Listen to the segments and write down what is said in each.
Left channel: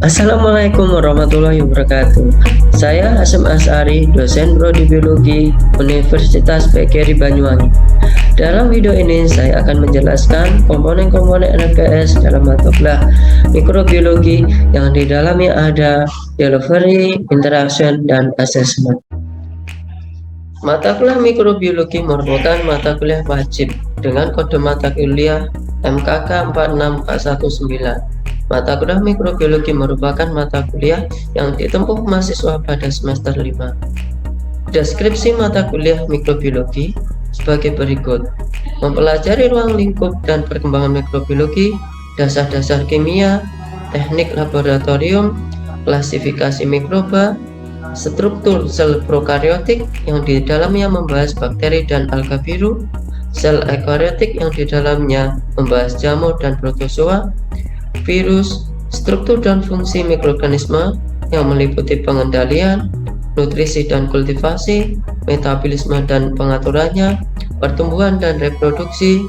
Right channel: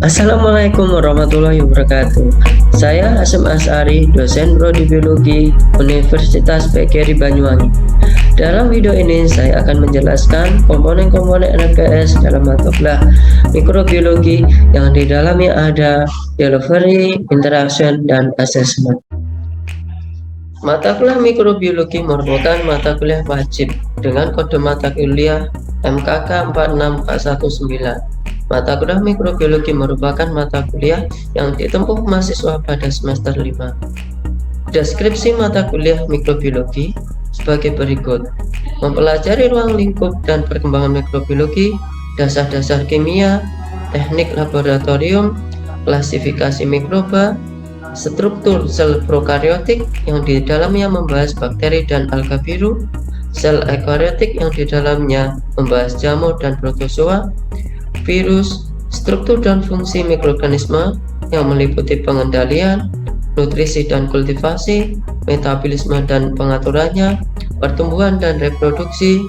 Assalamualaikum warahmatullahi wabarakatuh. Saya Hasyim Asyari, dosen Prodi Biologi Universitas PGRI Banyuwangi. Dalam video ini saya akan menjelaskan komponen-komponen NPS dalam mata kuliah mikrobiologi yang di dalamnya ada delivery, interaction, dan assessment. Mata kuliah mikrobiologi merupakan mata kuliah wajib dengan kode mata kuliah MKK 46419. Mata kuliah mikrobiologi merupakan mata kuliah yang ditempuh mahasiswa pada semester 5. Deskripsi mata kuliah mikrobiologi sebagai berikut: mempelajari ruang lingkup dan perkembangan mikrobiologi, dasar-dasar kimia, teknik laboratorium, klasifikasi mikroba, struktur sel prokaryotik yang di dalamnya membahas bakteri dan alga biru, sel eukaryotik yang di dalamnya membahas jamur dan protozoa, virus, struktur dan fungsi mikroorganisme yang meliputi pengendalian, nutrisi dan kultivasi, metabolisme dan pengaturannya, pertumbuhan dan reproduksi,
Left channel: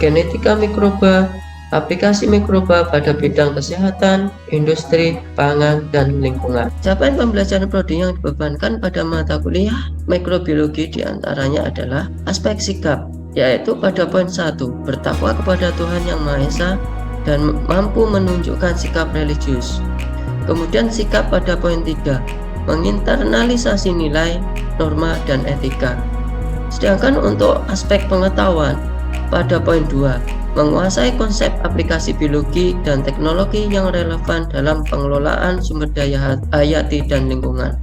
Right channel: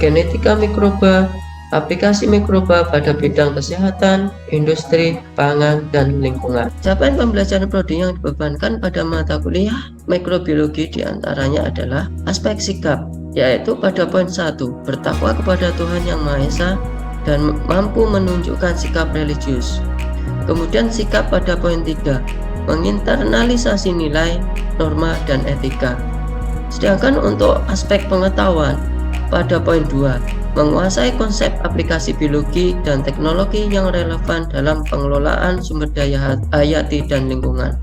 genetika mikroba, aplikasi mikroba pada bidang kesehatan, industri, pangan, dan lingkungan. Capaian pembelajaran prodi yang dibebankan pada mata kuliah mikrobiologi diantaranya adalah aspek sikap, yaitu pada poin 1, bertakwa kepada Tuhan Yang Maha Esa dan mampu menunjukkan sikap religius. Kemudian sikap pada poin 3, menginternalisasi nilai, norma, dan etika. Sedangkan untuk aspek pengetahuan pada poin 2, menguasai konsep aplikasi biologi dan teknologi yang relevan dalam pengelolaan sumber daya hayati dan lingkungan.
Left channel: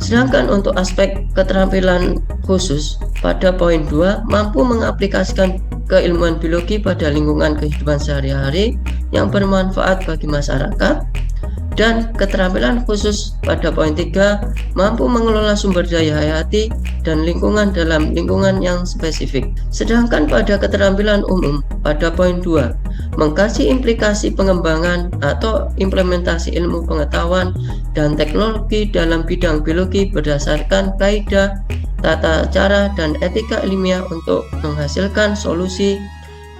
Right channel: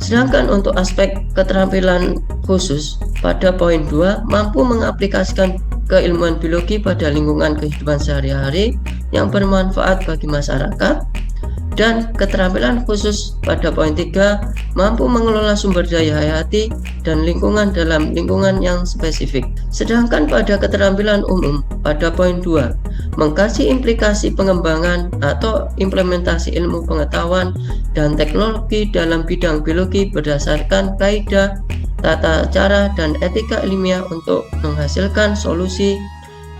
Sedangkan untuk aspek keterampilan khusus pada poin 2, mampu mengaplikasikan keilmuan biologi pada lingkungan kehidupan sehari-hari yang bermanfaat bagi masyarakat. Dan keterampilan khusus pada poin 3, mampu mengelola sumber daya hayati dan lingkungan dalam lingkungan yang spesifik. Sedangkan pada keterampilan umum pada poin 2, mengkaji implikasi pengembangan atau implementasi ilmu pengetahuan dan teknologi dalam bidang biologi berdasarkan kaidah, tata cara, dan etika ilmiah untuk menghasilkan solusi,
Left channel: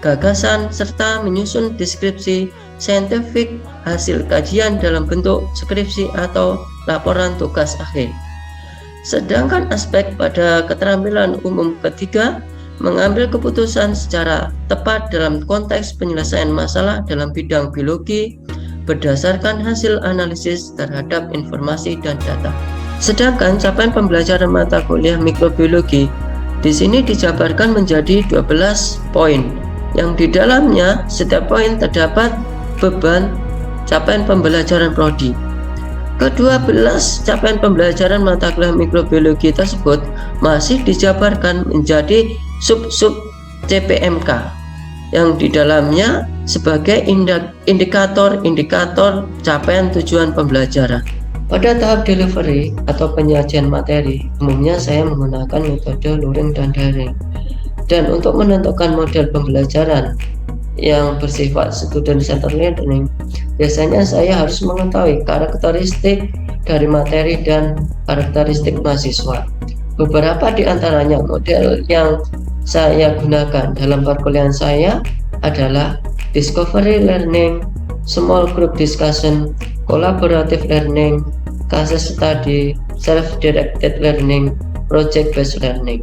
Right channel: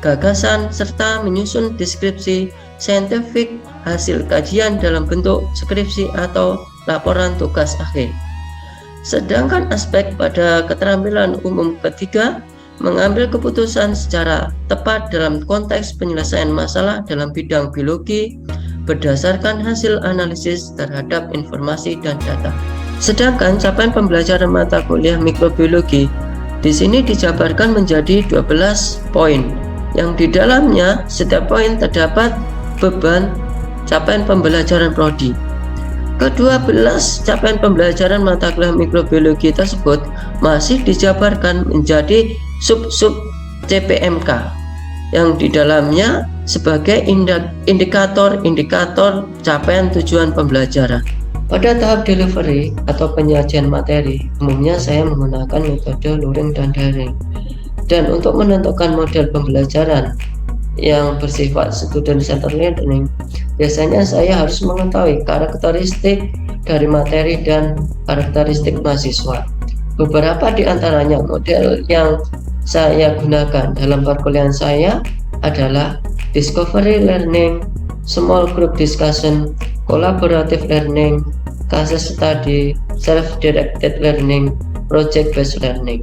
gagasan, serta menyusun deskripsi saintifik hasil kajian dalam bentuk skripsi atau laporan tugas akhir. Sedangkan aspek pada keterampilan umum ketiga, mengambil keputusan secara tepat dalam konteks penyelesaian masalah dalam bidang biologi berdasarkan hasil analisis terhadap informasi dan data. Sedangkan capaian pembelajaran mata kuliah mikrobiologi di sini dijabarkan menjadi 12 poin, yang di dalamnya setiap poin terdapat beban capaian pembelajaran prodi. Ke-12 capaian pembelajaran mata kuliah mikrobiologi tersebut masih dijabarkan menjadi sub-sub CPMK, yang di dalamnya sebagai indikator-indikator capaian tujuan pembelajaran. Pada tahap delivery atau penyajian materi, umumnya saya menggunakan metode luring dan daring. Dan untuk menentukan model pembelajaran yang bersifat student-centered learning, biasanya saya harus mengetahui karakteristik dari materi dan karakteristik mahasiswa. Beberapa di antaranya model yang saya gunakan dalam perkuliahan saya adalah discovery learning, small group discussion, collaborative learning, case study, self-directed learning, project-based learning.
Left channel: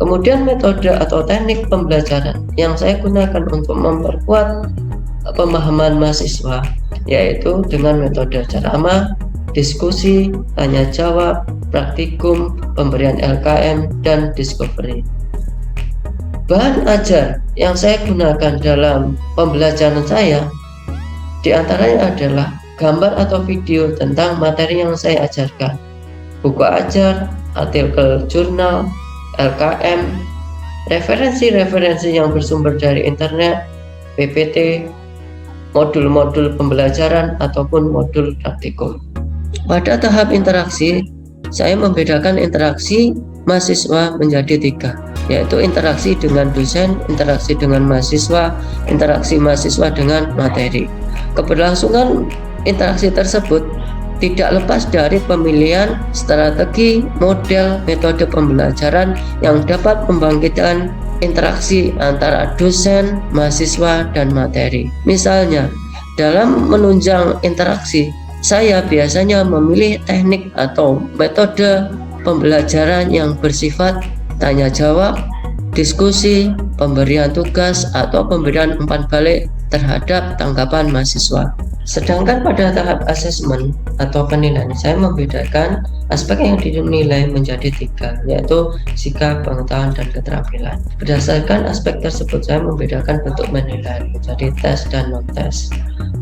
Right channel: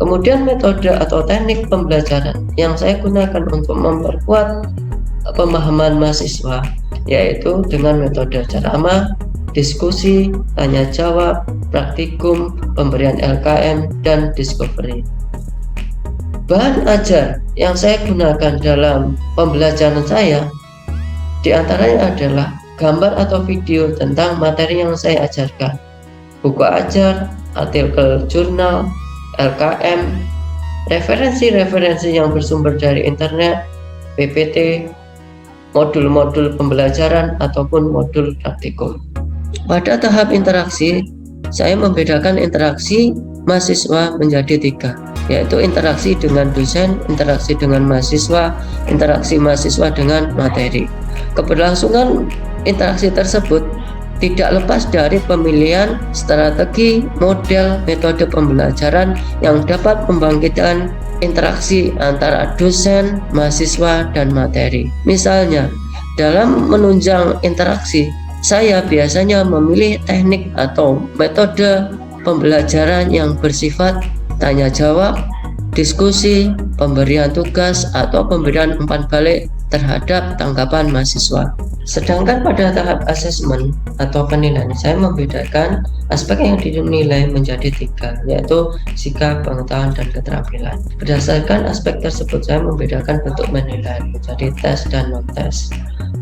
Kemudian metode atau teknik pembelajaran yang saya gunakan untuk memperkuat pemahaman mahasiswa, yaitu dengan metode ceramah, diskusi, tanya jawab, praktikum, pemberian LKM, dan discovery. Bahan ajar yang saya gunakan dalam pembelajaran saya diantaranya adalah gambar atau video tentang materi yang saya ajarkan, buku ajar, artikel jurnal, LKM, referensi-referensi yang bersumber dari internet, PPT, modul-modul pembelajaran, ataupun modul praktikum. Pada tahap interaksi, saya membedakan interaksi mahasiswa menjadi 3, yaitu interaksi dengan dosen, interaksi dengan mahasiswa, interaksi mahasiswa dengan materi. Keberlangsungan interaksi tersebut tidak lepas dari pemilihan strategi, model, metode pembelajaran yang dapat membangkitkan interaksi antara dosen, mahasiswa, dan materi. Misalnya, Dalam menunjang interaksi, saya biasanya memilih teknik atau metode pembelajaran yang bersifat tanya jawab, diskusi, pemberian tugas, atau pemberian umpan balik terhadap tanggapan mahasiswa. Sedangkan pada tahap asesmen atau penilaian, saya membedakan aspek yang dinilai menjadi 3, yaitu sikap, pengetahuan, dan keterampilan. Berdasarkan aspek tersebut, saya membedakan bentuk penilaian menjadi tes dan non-tes.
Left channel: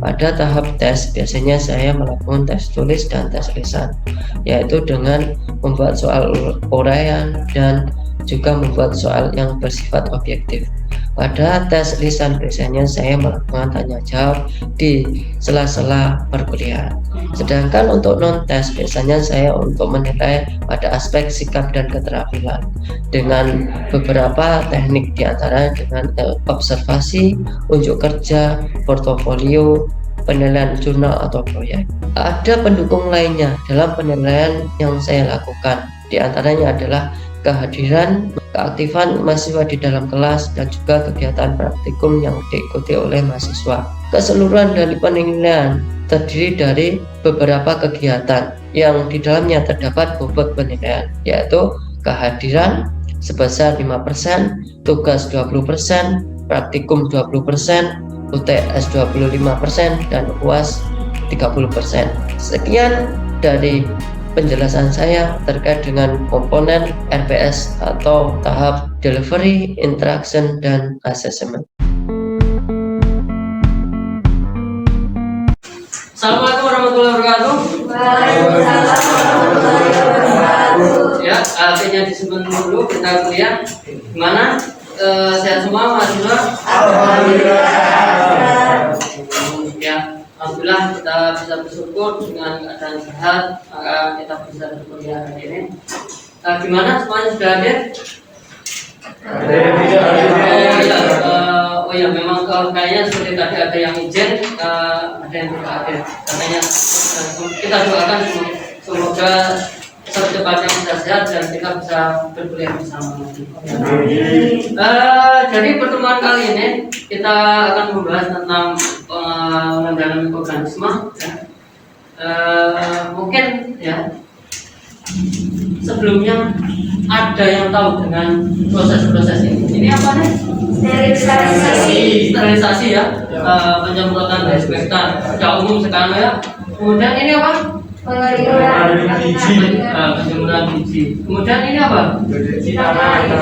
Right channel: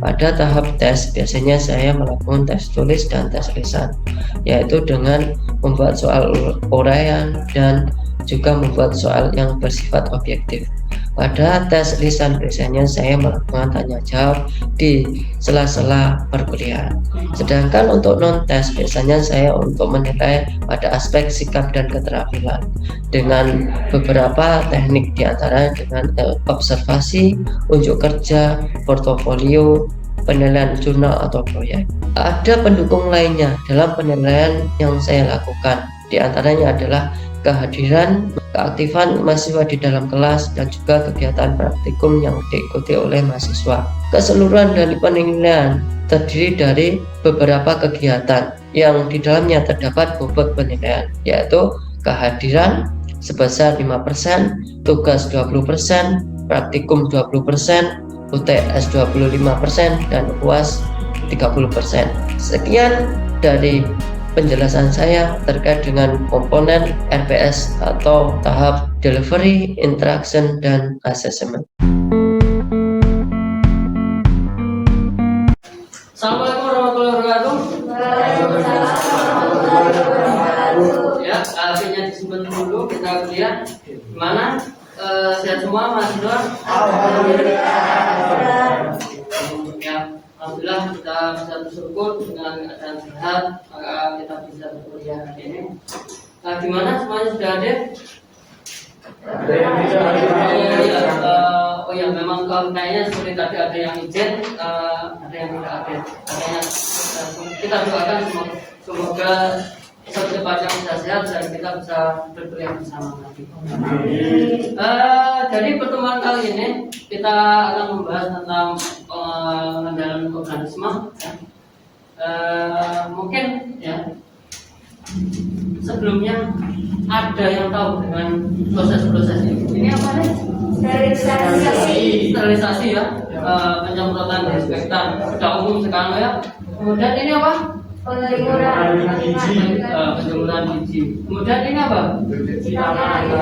Pada tahap tes, biasanya saya melakukan tes tulis dan tes lisan, yaitu dengan membuat soal uraian dan juga membuat soal yang bersifat objektif. Pada tes lisan biasanya saya melakukan tanya jawab di sela-sela perkuliahan. Sedangkan untuk non-tes biasanya saya untuk menilai pada aspek sikap dan keterampilan dengan beberapa teknik, diantara dengan observasi, unjuk kerja, portofolio, penilaian jurnal atau proyek. Ada pendukung lainnya dalam penilaian yang saya lakukan, diantaranya adalah kehadiran, keaktifan mahasiswa di dalam kelas, dan juga kegiatan praktikum yang diikuti oleh mahasiswa. Keseluruhan dari penilaian terdiri dari beberapa kegiatan yang di dalamnya terdapat bobot penilaian, yaitu kehadiran sebesar 5%, tugas 20%, praktikum 20%, UTS 25%, dan UAS 30%. Sekian dari penjelasan saya terkait dengan komponen RPS atau tahap delivery, interaction, dan assessment. Assalamualaikum warahmatullahi wabarakatuh. Waalaikumsalam warahmatullahi wabarakatuh. Ya, akhirnya disimpan dulu, kita kuliah. Gimana? Sehat semua mahasiswa? Alhamdulillah. Ya, alhamdulillah kita bisa bersyukur dengan keadaan sehat, maka kita bisa berkuliah hari ini. Gimana semuanya sudah hadir? Oh ya, memang kayaknya seperti tadi ada yang izin, ada yang tidak hadir. Katanya kita doakan semoga secepatnya bisa sehat dan kita bisa berkuliah bersama lagi. Jadi pertemuan kali ini kita akan membahas tentang pengendalian organisme. Ya. Mungkin ya sebelumnya ada yang tahu dengan proses-proses ini. Ini apa nih? Sterilisasi ya, penyemprotan desinfektan. Sudah umum sekarang ya. Kemudian ini apa? Penjemuran biji. Kemudian ini apa? Cuci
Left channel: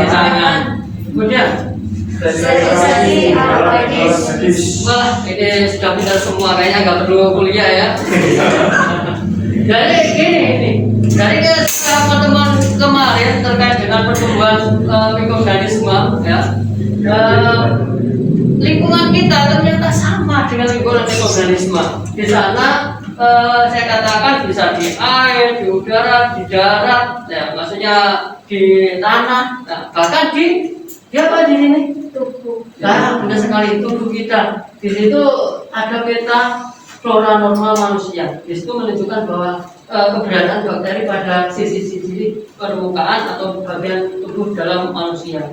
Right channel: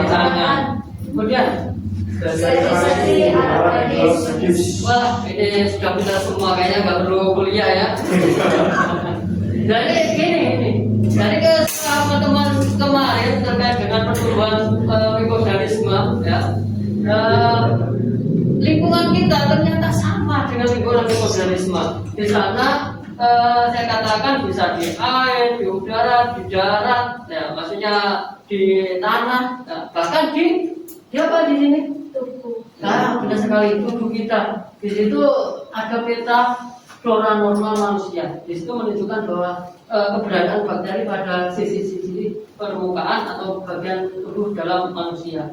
tangan. Kemudian sterilisasi alat medis. Wah, ini sudah pintar semua, kayaknya nggak perlu kuliah ya. Jadi gini, dari pertemuan kemarin terkait dengan pertumbuhan mikroorganisme ya, lingkungan kita ternyata sama dengan lingkungan mikroorganisme. Di sana saya katakan bisa di air, di udara, di darat, ya, maksudnya di tanah, nah, bahkan di apa di sini? Tubuh. Nah, benar sekali, tubuh kita. Di situ ada peta flora normal manusia. Di situ menunjukkan bahwa keberadaan bakteri pada sisi-sisi permukaan atau bagian tubuh dalam manusia.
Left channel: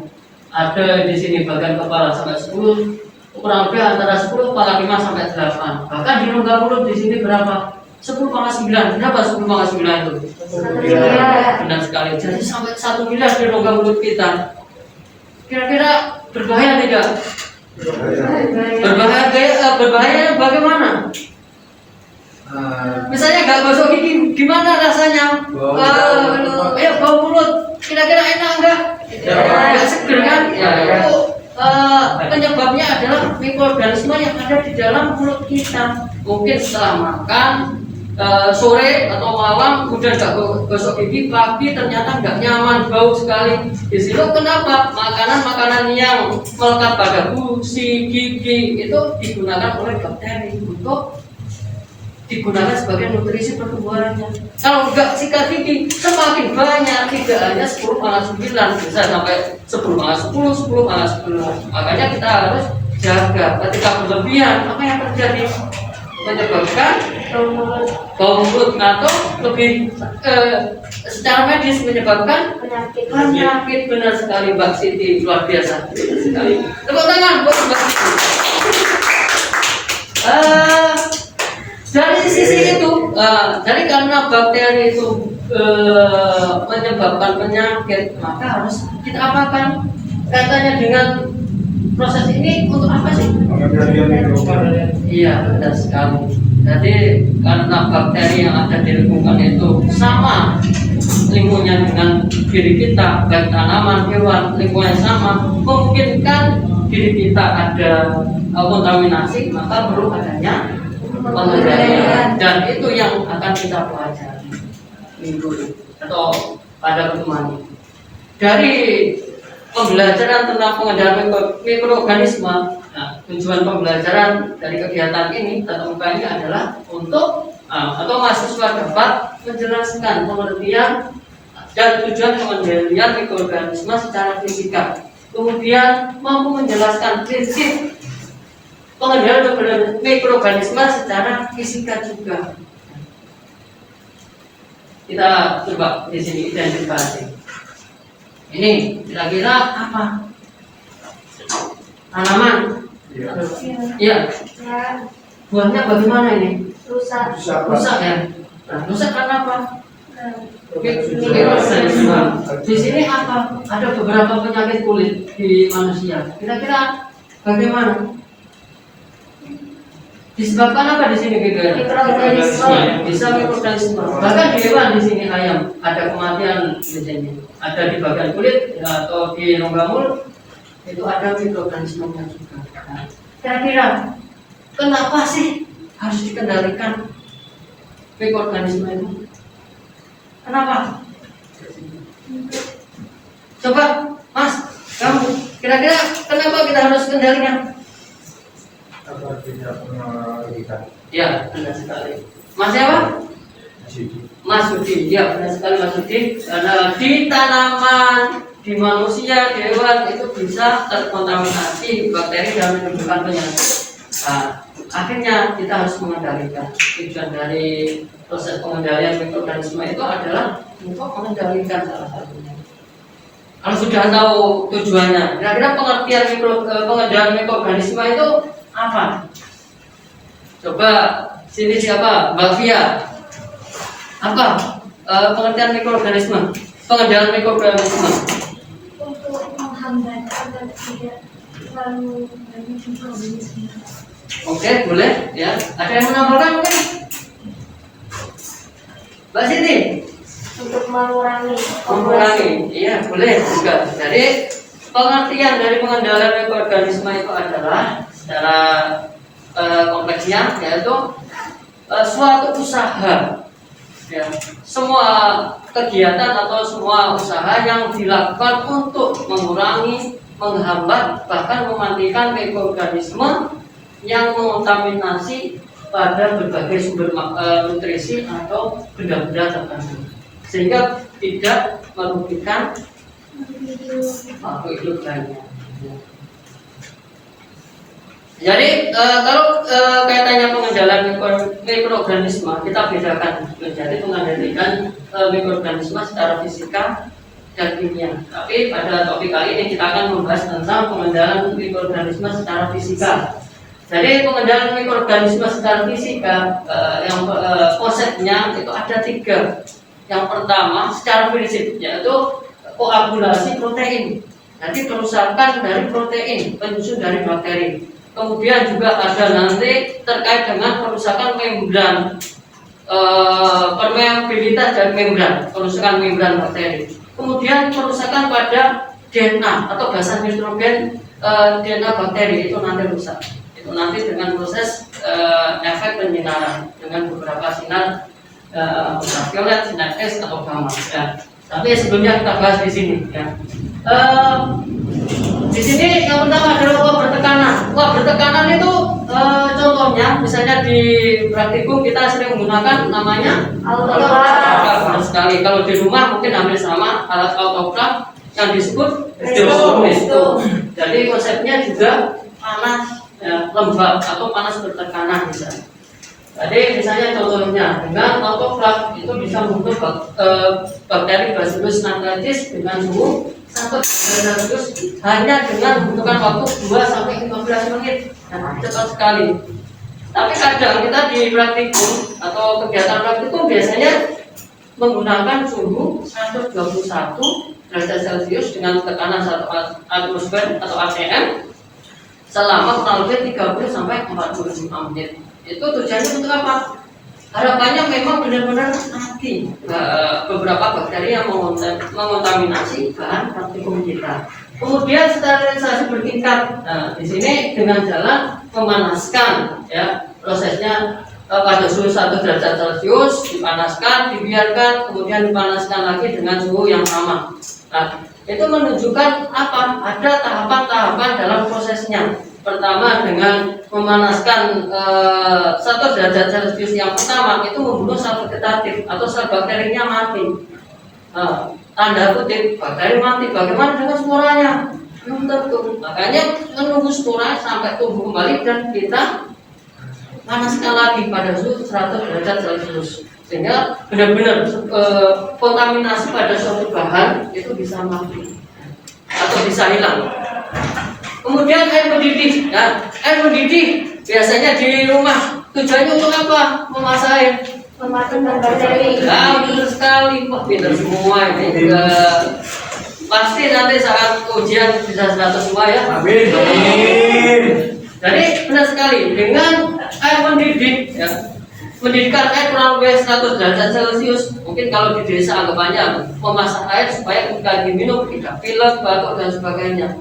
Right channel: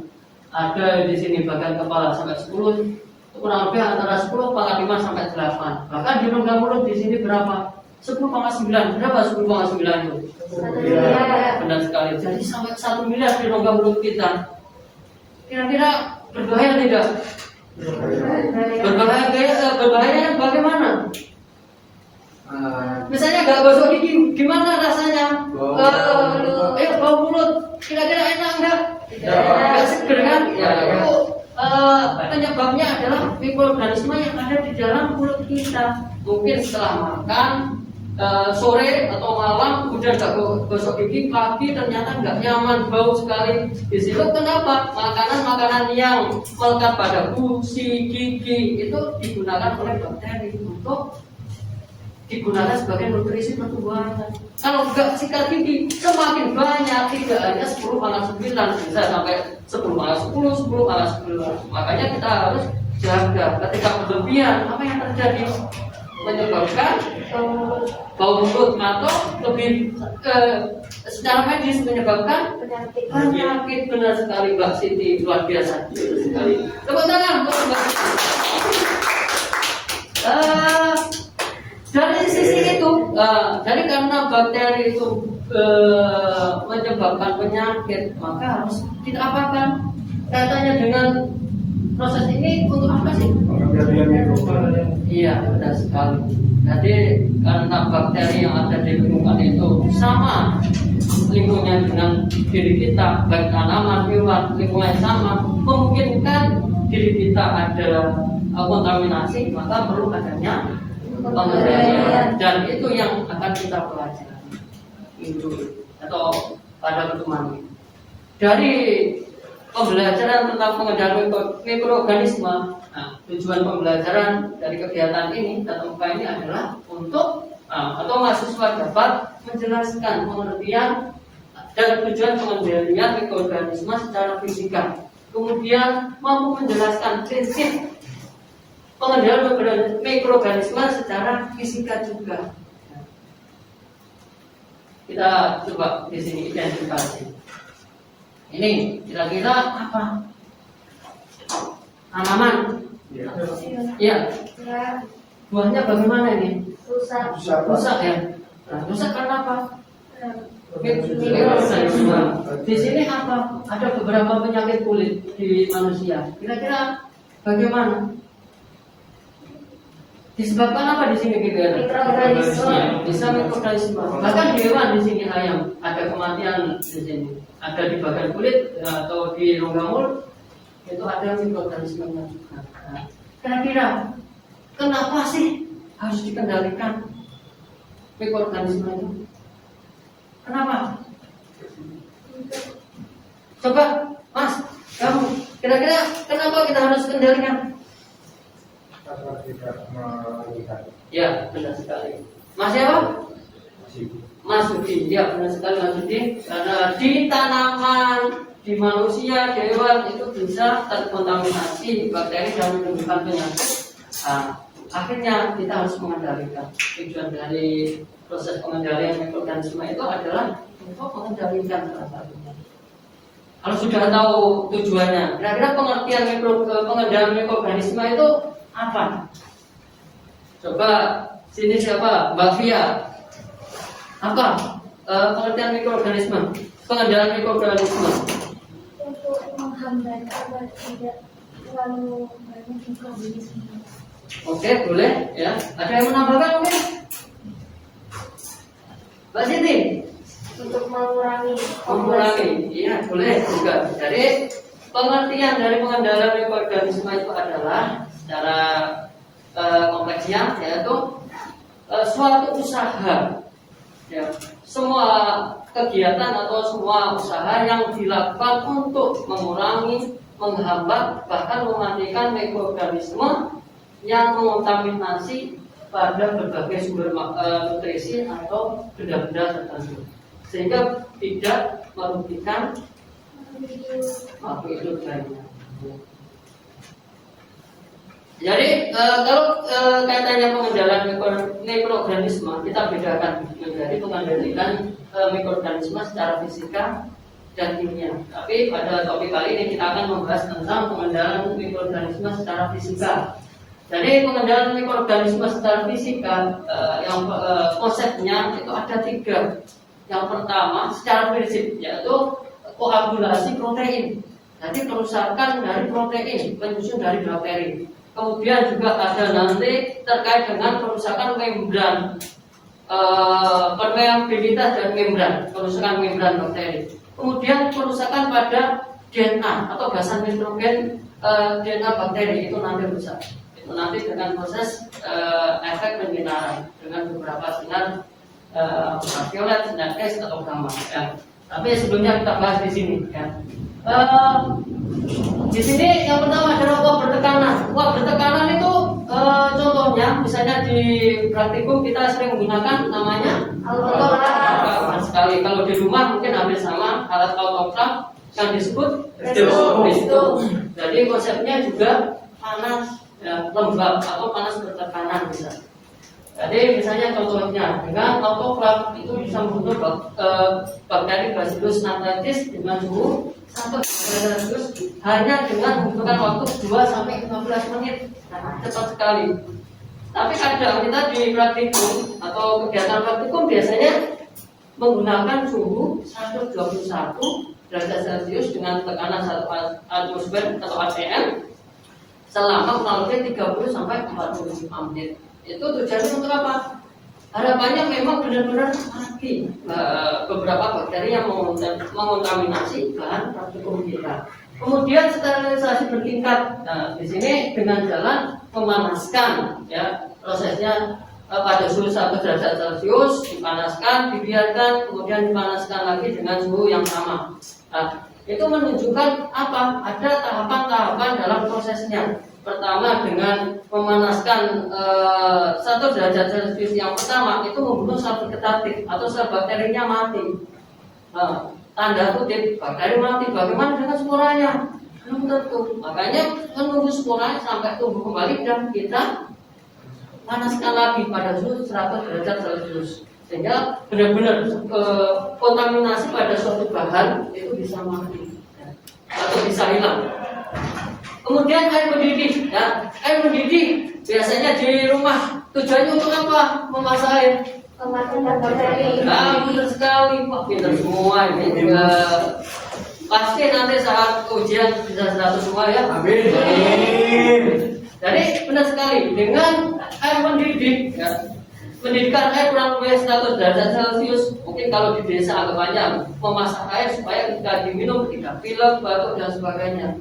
Ada di sini bagian kepala sampai 10, kurang lebih antara 10 pangkat 5 sampai 8. Bahkan di rongga mulut di sini berapa? 10 pangkat 9. Kenapa 10 pangkat 9 itu? Benar sekali. Jadi sampai 1 miliar di rongga mulut kita. Kira-kira berbahaya tidak? Berbahaya bagaimana? Misalnya nggak gosok gigi, gimana rasanya? Bau mulut. Kira-kira enak nggak? Nggak seger kan? Ya, itu penyebabnya adalah mikroorganisme yang ada di dalam mulut kita. Mungkin setelah makan sore atau malam kemudian nggak gosok gigi, pagi ternyata nggak nyaman, bau sekali. Di situ kenapa? Makanan-makanan yang melekat pada gusi, gigi itu digunakan oleh bakteri untuk digunakan sebagai nutrisi pertumbuhannya. Kalau nggak sikat gigi semakin banyak, tidak hanya 10 pangkat 9, bisa sampai 10 pangkat 10, 10 pangkat 10. Makanya kita harus jaga. Ketika berlebihan, apa yang terjadi? Menyebabkan bau mulut atau lebih secara medis menyebabkan penyakit. Benar sekali Mbak Siti, luar biasa sekali. Tepuk tangan buat Mbak Siti. karena bakteri itu menyebabkan penyakit, maka harus kita apakan? Kaitannya dengan proses ini untuk apa sih? Pengendalian mikroba. Iya, benar sekali. Jadi karena bakteri yang ada di lingkungan itu sama lingkungannya dengan diri kita, baik tanaman, hewan, lingkungan sama, memungkinkan diri kita ada kontaminasi, maka perlu adanya pengendalian. Dan itu yang akan kita pelajari minggu ini atau pada pertemuan ini. Dari pembelajaran tentang pengendalian mikroorganisme, nah, tujuan pembelajaran dari kegiatan ini tatap muka ini adalah untuk atau mahasiswa dapat menjelaskan pengertian dan tujuan pengendalian mikroorganisme secara fisika, kemudian mampu menjelaskan prinsip pengendalian mikroorganisme secara fisika juga. Kita coba di sini identifikasi. Ini kira-kira apa? Tanaman. Iya. Buahnya bagaimana ini? Rusak. Rusak ya. Nah, rusak karena apa? Mikroorganisme. Di sini apa? Ada beberapa penyakit kulit di manusia. Kira-kira bagaimana? Disebabkan apa di sini kira-kira? Mikroorganisme. Bisa mikroorganisme. Bahkan di hewan di sini ayam ada kematian di sini. Ada di bagian kulit atau di rongga mulut itu ada mikroorganismenya juga. Nah, kira-kira kenapa sih harus dikendalikan mikroorganisme itu? Kenapa? Coba, Mas, kamu kira-kira kenapa kita harus kendalikan? Agar tidak mengerikan. Ya, benar sekali. Mas siapa? Mas Yudi, ya benar sekali Mas Yudi. Karena di tanaman, di manusia, di hewan itu bisa terkontaminasi bakteri dan menimbulkan penyakit. Nah, akhirnya kita harus mengendalikan. Tujuan dari proses pengendalian mikroorganisme itu adalah untuk mengendalikan salah satunya. Kalau sudah tahu tujuannya, kira-kira pengertian pengendalian mikroorganisme itu apa? Coba sini siapa? Mbak Fia. Apa pengertian mikroorganisme? Pengendalian mikroorganisme untuk menghambat agar tidak terlalu banyak mikroorganisme. Oke, boleh ya. Ada yang menambahkan mungkin? Mbak Siti? Untuk mengurangi. Iya boleh juga. Jadi pengertian dari pengendalian mikroorganisme itu adalah secara kompleksnya yaitu suatu usaha. Ya, semua kegiatan atau semua usaha yang dilakukan untuk mengurangi, menghambat, bahkan mematikan mikroorganisme yang mengontaminasi pada berbagai sumber nutrisi atau benda-benda tertentu, sehingga tidak merugikan makhluk hidup lainnya. Jadi kalau kaitannya pengendalian mikroorganisme kita bedakan menjadi pengendalian mikroorganisme secara fisika dan kimia. Tapi pada topik kali ini kita akan membahas tentang pengendalian mikroorganisme secara fisika. Jadi pengendalian mikroorganisme secara fisika yang konsepnya itu ada 3. Yang pertama secara prinsip yaitu koagulasi protein. Jadi kerusakan dari protein penyusun dari bakteri. Kemudian juga ada nanti terkait dengan kerusakan membran, permeabilitas dan membran, kerusakan membran bakteri. Kemudian kerusakan pada DNA atau basa nitrogen DNA bakteri itu nanti rusak. Itu nanti dengan proses efek penyinaran dengan beberapa sinar ultraviolet, sinar X atau gamma. Ya. Tapi sebelumnya kita bahas di sini. Ya. Di sini yang pertama adalah uap bertekanan. Uap bertekanan itu contohnya misalnya di praktikum kita sering menggunakan namanya autograf. Sekali kalau di rumah mungkin hampir sama alat autograf yang disebut pesto. Jadi konsepnya juga panas, ya, lembab atau panas bertekanan misalnya. Jadi misalnya contohnya dengan autograf itu bisa membentuk bakteri Bacillus anthracis dengan suhu 1 derajat Celcius hanya dengan membutuhkan waktu 2 sampai 15 menit. Nah, cepat sekali. Tapi kadang kita di praktikum atau kegiatan praktikum biasanya menggunakan suhu 121 derajat Celcius dengan tekanan 1 atmosfer atau ATM selama kurang lebih 30 sampai 45 menit. Itu tujuannya untuk apa? Harapannya memang benar-benar mati beberapa bakteri yang mengontaminasi bahan praktikum kita. Kemudian sterilisasi bertingkat. Nah, di sini dengan jalan memanaskan, ya, prosesnya pada suhu 1 derajat Celcius dipanaskan, dibiarkan, kemudian dipanaskan lagi dengan suhu yang sama. Nah, itu menunjukkan apa? Ada tahapan-tahapan dalam prosesnya. Pertama dengan memanaskan 1 derajat Celcius yang pertama itu membunuh sel vegetatif atau sel bakterinya mati. Tanda kutip bakteri mati. Bagaimana dengan sporanya? Belum tentu. Makanya menunggu spora sampai tumbuh kembali dan kita panaskan lagi pada suhu 100 derajat Celcius sehingga benar-benar kontaminasi pada suatu bahan itu bisa mati atau bisa hilang. Kemudian air mendidih. Nah, air mendidih biasanya di rumah tujuannya untuk apa? Memasak air. Mematikan bakteri. Nah, benar sekali. Wah, pintar semua ini. Pasti nanti saat ujian bisa 100 semua ya. Amin. Amin. Jadi benar sekali dengan air mendidih, ya, mendidihkan air kurang lebih 100 derajat Celcius. Mungkin kalau di desa anggapannya memasak air supaya ketika diminum tidak pilek, batuk dan sebagainya.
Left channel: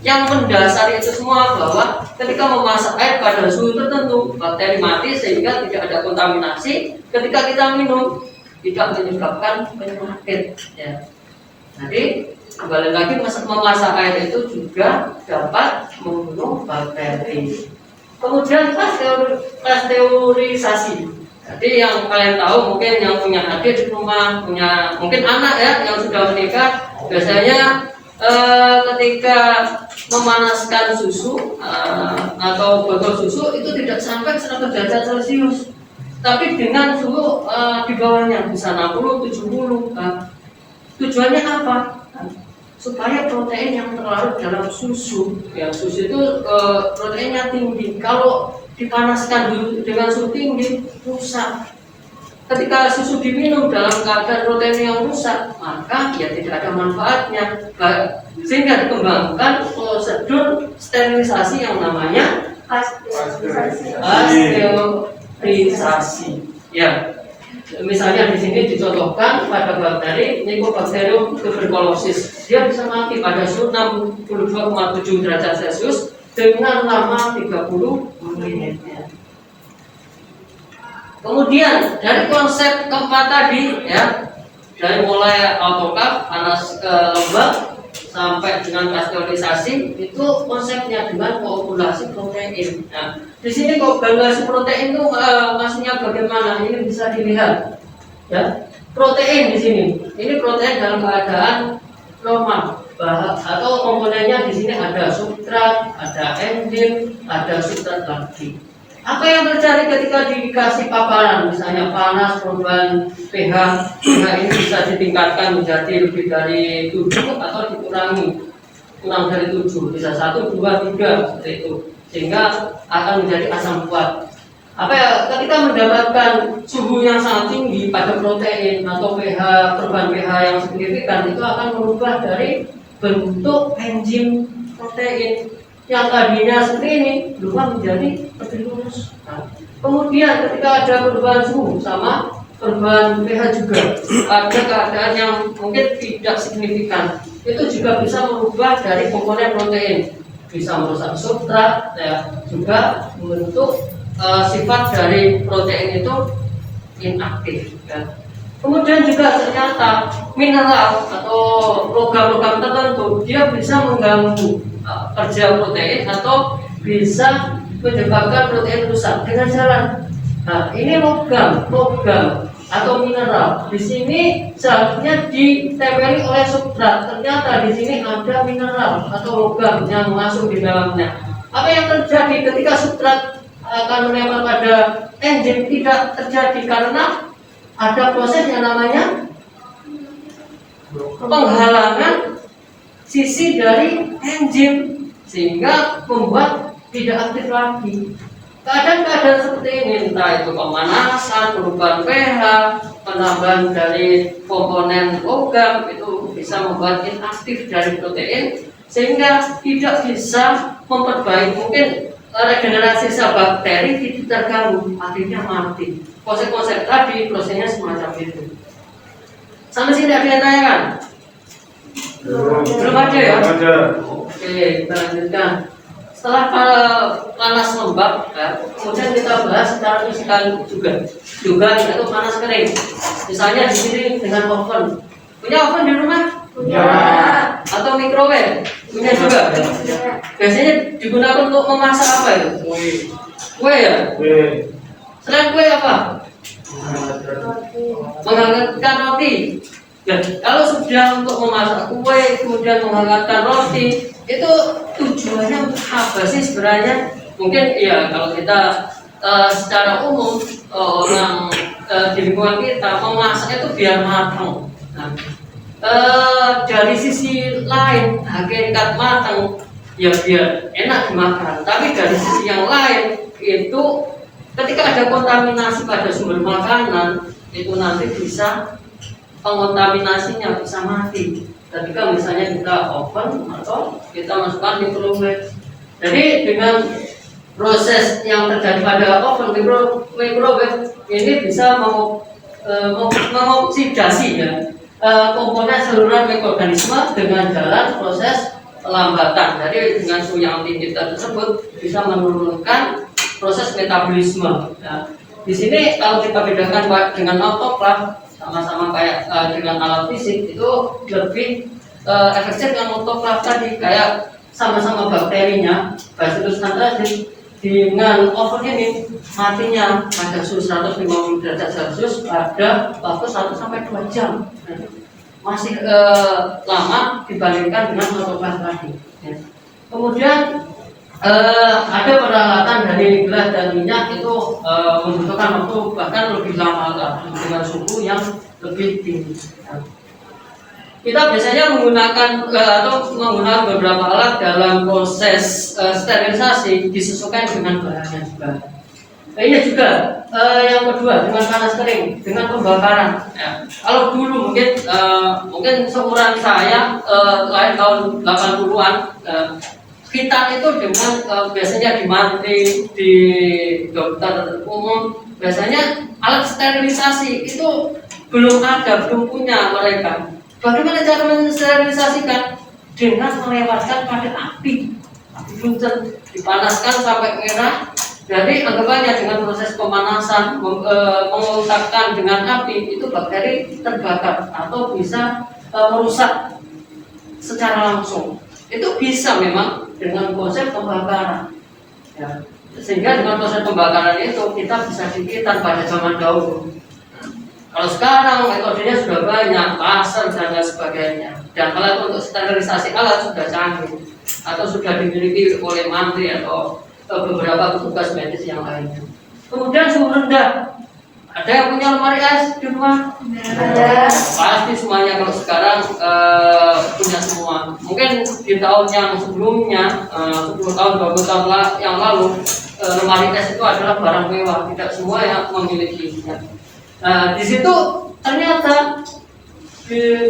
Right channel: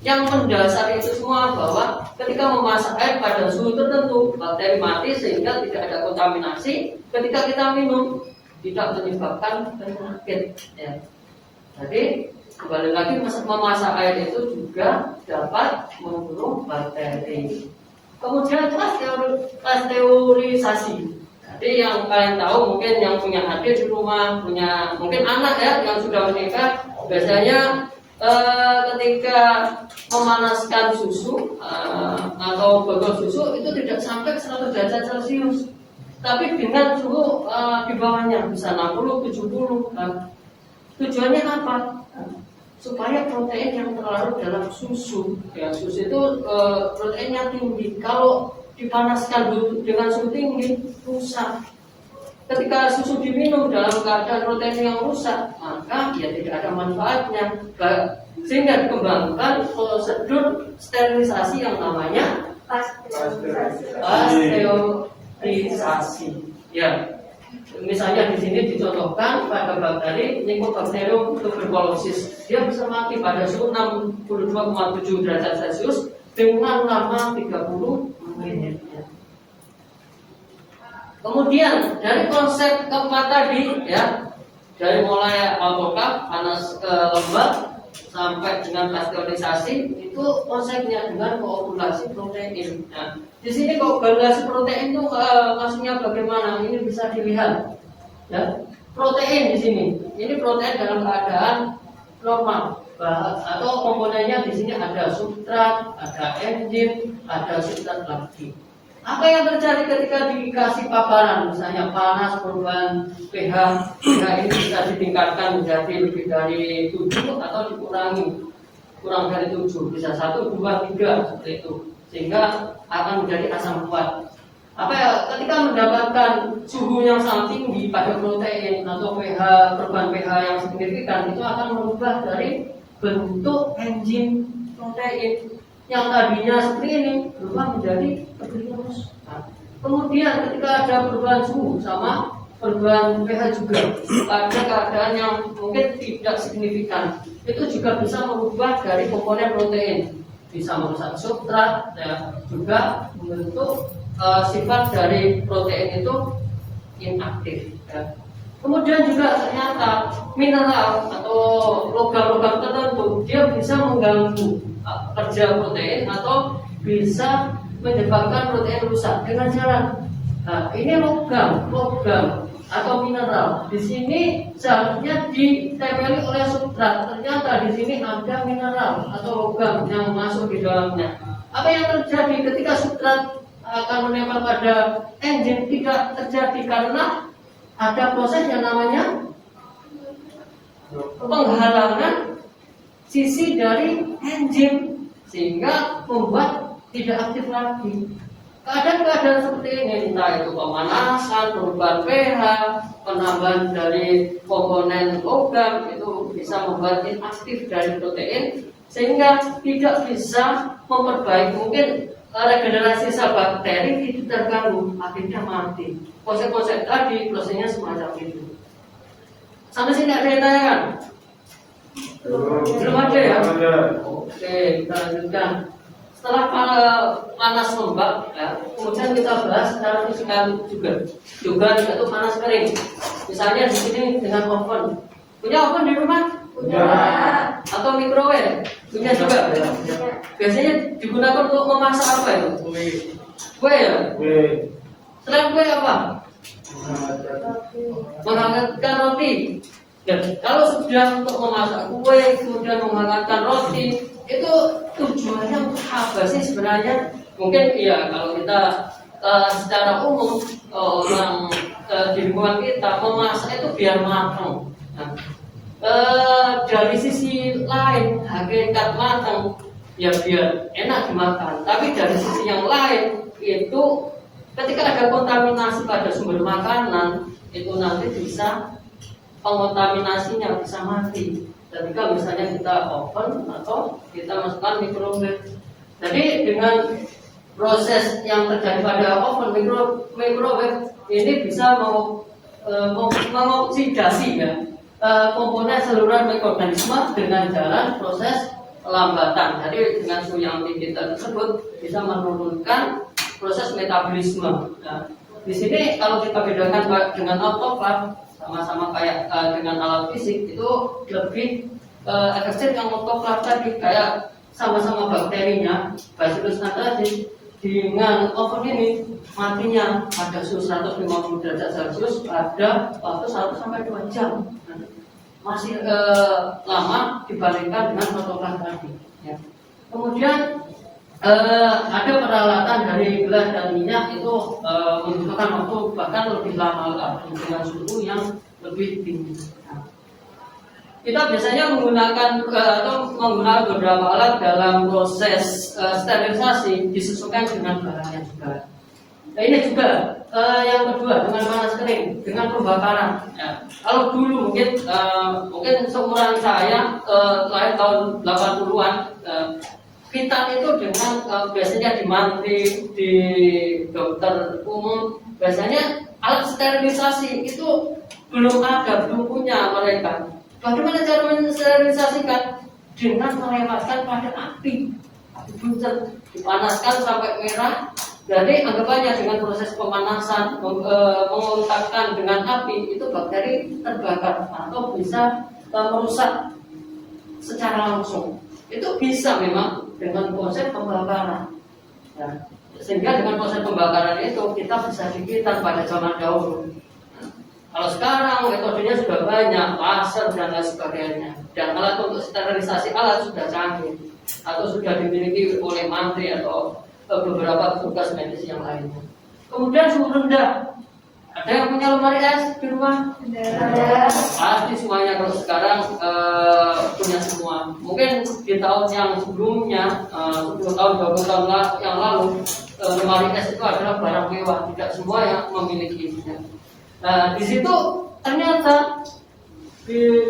Yang mendasari itu semua bahwa ketika memasak air pada suhu tertentu bakteri mati sehingga tidak ada kontaminasi. Ketika kita minum tidak menyebabkan penyakit, ya. Jadi kembali lagi memasak air itu juga dapat membunuh bakteri. Kemudian pasteurisasi. Jadi yang kalian tahu mungkin yang punya adik di rumah, punya mungkin anak ya yang sudah menikah, biasanya ketika memanaskan susu atau botol susu itu tidak sampai 100 derajat Celcius, tapi dengan suhu di bawahnya bisa 60, 70. Tujuannya apa? Supaya protein yang terlarut dalam susu, ya, susu itu proteinnya tinggi. Kalau dipanaskan dengan suhu tinggi rusak. Ketika susu diminum dalam keadaan protein yang rusak, maka ya tidak ada manfaatnya. Sehingga dikembangkan prosedur sterilisasi yang namanya pasteurisasi. Ya, misalnya di sini dicontohkan pada bakteri Mycobacterium tuberculosis, dia bisa mati pada suhu 62,7 derajat Celcius dengan lama 30 menit. Kemudian dari konsep keempat tadi, ya, dari mulai autoklaf panas lembab sampai dengan pasteurisasi, itu konsepnya dengan koagulasi protein. Nah, di sini koagulasi protein itu maksudnya bagaimana? Ini bisa dilihat, ya, protein di sini. Ini protein dalam keadaan normal, atau komponennya di sini ada substrat, ada enzim, ada substrat lagi. Apa yang terjadi ketika dikasih paparan, misalnya panas, perubahan pH, nah ini bisa ditingkatkan menjadi lebih dari 7 atau dikurangi kurang dari 7, bisa 1, 2, 3 seperti itu, sehingga akan menjadi asam kuat. Apa ya, ketika mendapatkan suhu yang sangat tinggi pada protein atau pH, perubahan pH yang signifikan, itu akan merubah dari bentuk enzim protein yang tadinya seperti ini berubah menjadi lebih lurus. Nah, kemudian ketika ada perubahan suhu sama perubahan pH juga, ada keadaan yang mungkin tidak signifikan, itu juga bisa merubah dari komponen protein, bisa merusak substrat, ya, juga membentuk sifat dari protein itu inaktif, ya. Kemudian juga ternyata mineral atau logam-logam tertentu dia bisa mengganggu kerja protein atau bisa menyebabkan protein rusak dengan cara, nah, ini logam atau mineral. Di sini seharusnya ditempeli oleh substrat. Ternyata di sini ada mineral atau logam yang masuk di dalamnya. Apa yang terjadi ketika substrat akan menempel pada enzim? Tidak terjadi karena ada proses yang namanya penghalangan sisi dari enzim, sehingga membuat tidak aktif lagi. keadaan-keadaan seperti ini, entah itu pemanasan, perubahan pH, penambahan dari komponen logam, itu bisa membuat inaktif dari protein sehingga tidak bisa memperbaiki, mungkin regenerasi sel bakteri itu terganggu, akhirnya mati. Konsep-konsep tadi prosesnya semacam itu. Sampai sini ada yang tanyakan? Belum ada ya? Oke, kita lanjutkan. Setelah panas lembab, ya, kemudian kita bahas secara fisikal juga itu panas kering. Misalnya di sini dengan oven. Punya oven di rumah? Punya. Atau microwave? Punya juga. Biasanya digunakan untuk memasak apa itu? Kue ya? Selain kue apa? Menghangatkan roti. Ya, kalau sudah untuk memasak kue, kemudian menghangatkan roti, itu tujuannya untuk apa sih sebenarnya? Mungkin ya kalau kita secara umum orang di lingkungan kita memasak itu biar matang. Nah, dari sisi lain hakikat matang ya biar enak dimakan. Tapi dari sisi yang lain itu ketika ada kontaminasi pada sumber makanan itu nanti bisa pengontaminasinya bisa mati. Ketika misalnya kita oven atau kita masukkan microwave. Jadi dengan proses yang terjadi pada oven microwave ini bisa mengoksidasi ya komponen saluran mikroorganisme dengan jalan proses pelambatan. Jadi dengan suhu yang tinggi tersebut bisa menurunkan proses metabolisme. Ya. Di sini kalau kita bedakan Pak dengan autoklaf sama-sama kayak dengan alat fisik itu lebih efektif yang autoklaf tadi, kayak sama-sama bakterinya Bacillus anthracis dengan oven ini matinya pada suhu 150 derajat Celcius pada waktu 1-2 jam. Masih lama dibandingkan dengan autoklaf tadi ya. Kemudian ada peralatan dari gelas dan minyak itu membutuhkan waktu bahkan lebih lama dengan suhu yang lebih tinggi. Kita biasanya menggunakan beberapa alat dalam proses sterilisasi disesuaikan dengan bahannya juga. Ini juga yang kedua dengan panas kering, dengan pembakaran. Ya. Kalau dulu mungkin seumuran saya lahir tahun 80-an. Kita itu dengan biasanya di dokter umum biasanya alat sterilisasi itu belum belum punya mereka. Bagaimana cara mensterilisasikan? Dengan melewatkan pada api buncer, dipanaskan sampai merah. Jadi anggapannya dengan proses pemanasan mengungkapkan dengan api itu bakteri terbakar atau bisa merusak secara langsung. Itu bisa memang dengan proses pembakaran ya. Sehingga dengan proses pembakaran itu kita bisa dikitan pada zaman dahulu. Kalau sekarang metodenya sudah banyak, laser dan lain sebagainya, dan alat untuk sterilisasi alat sudah canggih atau sudah dimiliki oleh mantri atau beberapa petugas medis yang lainnya. Kemudian suhu rendah. Ada yang punya lemari es di rumah? Ada. Pasti semuanya kalau sekarang punya semua. Mungkin di tahun yang sebelumnya, 10 tahun, 20 tahun yang lalu, lemari es itu adalah barang mewah. Tidak semua yang memilikinya. Di situ ternyata